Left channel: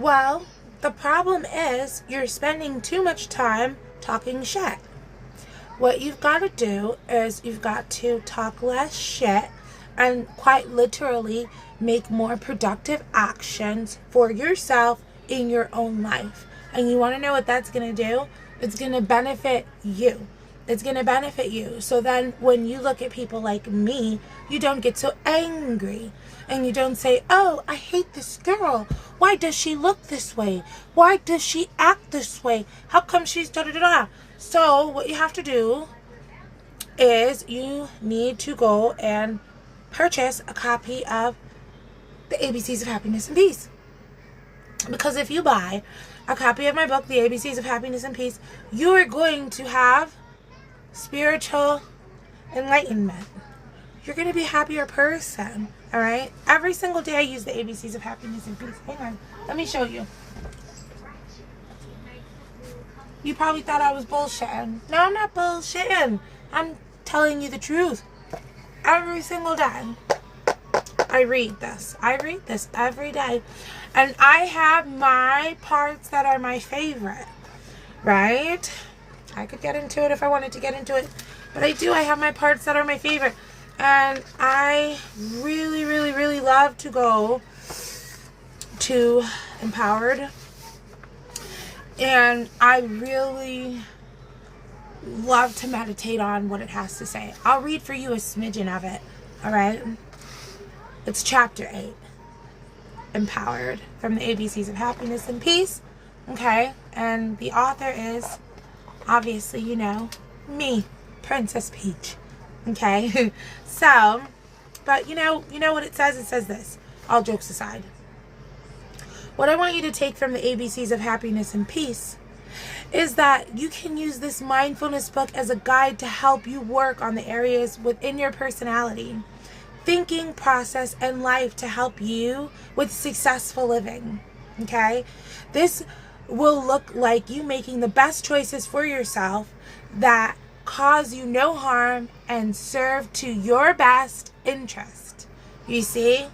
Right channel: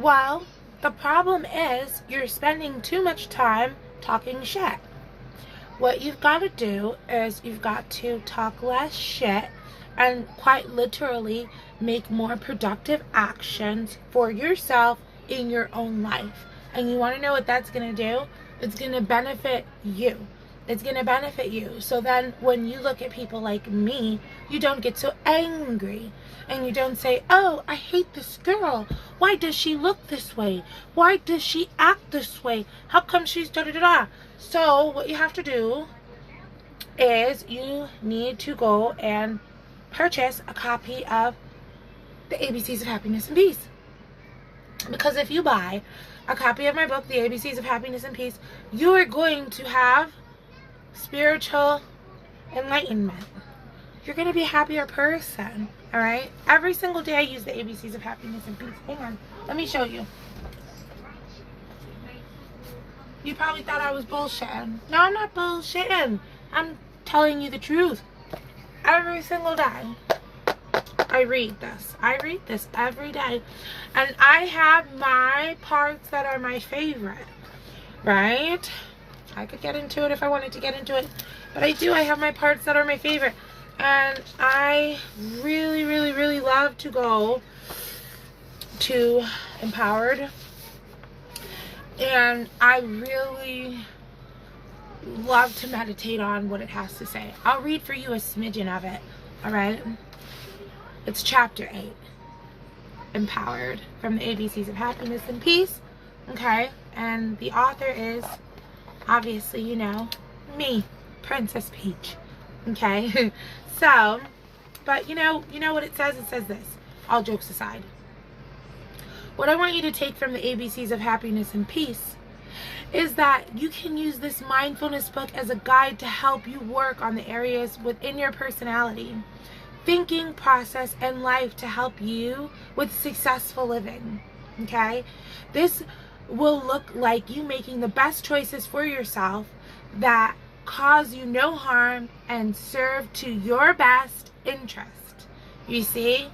Well, the problem is you're spending too much time talking shit. What you've got to do is you've got to talk less shit and quite literally make more productive actions for yourself in your own life. And you want to know what that's going to do? It's going to benefit you. It's going to benefit you. So then when you look at people like me, you don't get so angry. And you don't say, oh, I hate this girl. Why does she look this way? Why does she act this way? How come she's da-da-da-da? So what you have to do is you need to go and purchase a copy of the ABCs of Happiness and Peace. Because if you buy a copy of my book, The ABCs of Happiness and Peace, you are going to have spiritual enlightenment. You're going to be a happier person, all right? Every single day I use the ABCs of Happiness and Peace. Hang on. Let me show you. You probably thought I was bullshitting. No, I'm not bullshitting. I'm telling you the truth. Every single day I read this. I read this every day. And I have my parts that are my favorite, right? I could get into it if I wanted to get into it. But I do. I have my parts that are my favorite. And I really, really, really love to go to Empowered. And I really love to meditate on what it has to say. I'll read for you a smidgen of it, all right? It's chapter 8, Empowered, from the ABCs of Happiness and Peace, okay? And the author is, obviously, you know, me, Princess Peach, okay? So, but you know what it says? It says this, all jokes aside. What I want you to take from the ABCs of Happiness and Peace is that you can use this mindfulness book as a guide to help you work on the areas within your personality, thinking, process, and life to help you with successful living, okay? This will look like you making the best choices for yourself that cause you no harm and serve to your best interest. You see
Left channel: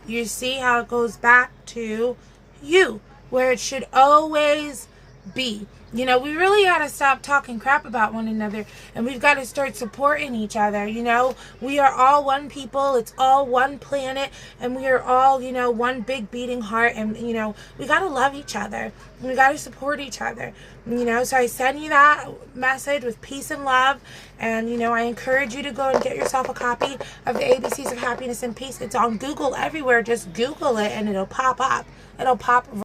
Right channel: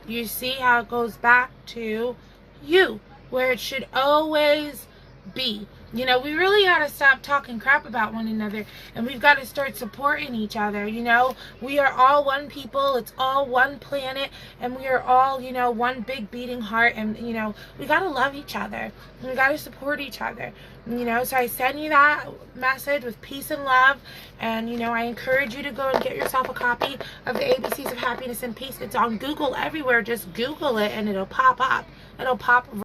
how it goes back to you, where it should always be. You know, we really got to stop talking crap about one another, and we've got to start supporting each other. You know, we are all one people, it's all one planet, and we are all, you know, one big beating heart, and, you know, we got to love each other, and we got to support each other, you know. So I send you that message with peace and love, and, you know, I encourage you to go and get yourself a copy of the ABCs of Happiness and Peace. It's on Google everywhere. Just Google it, and it'll pop up. It'll pop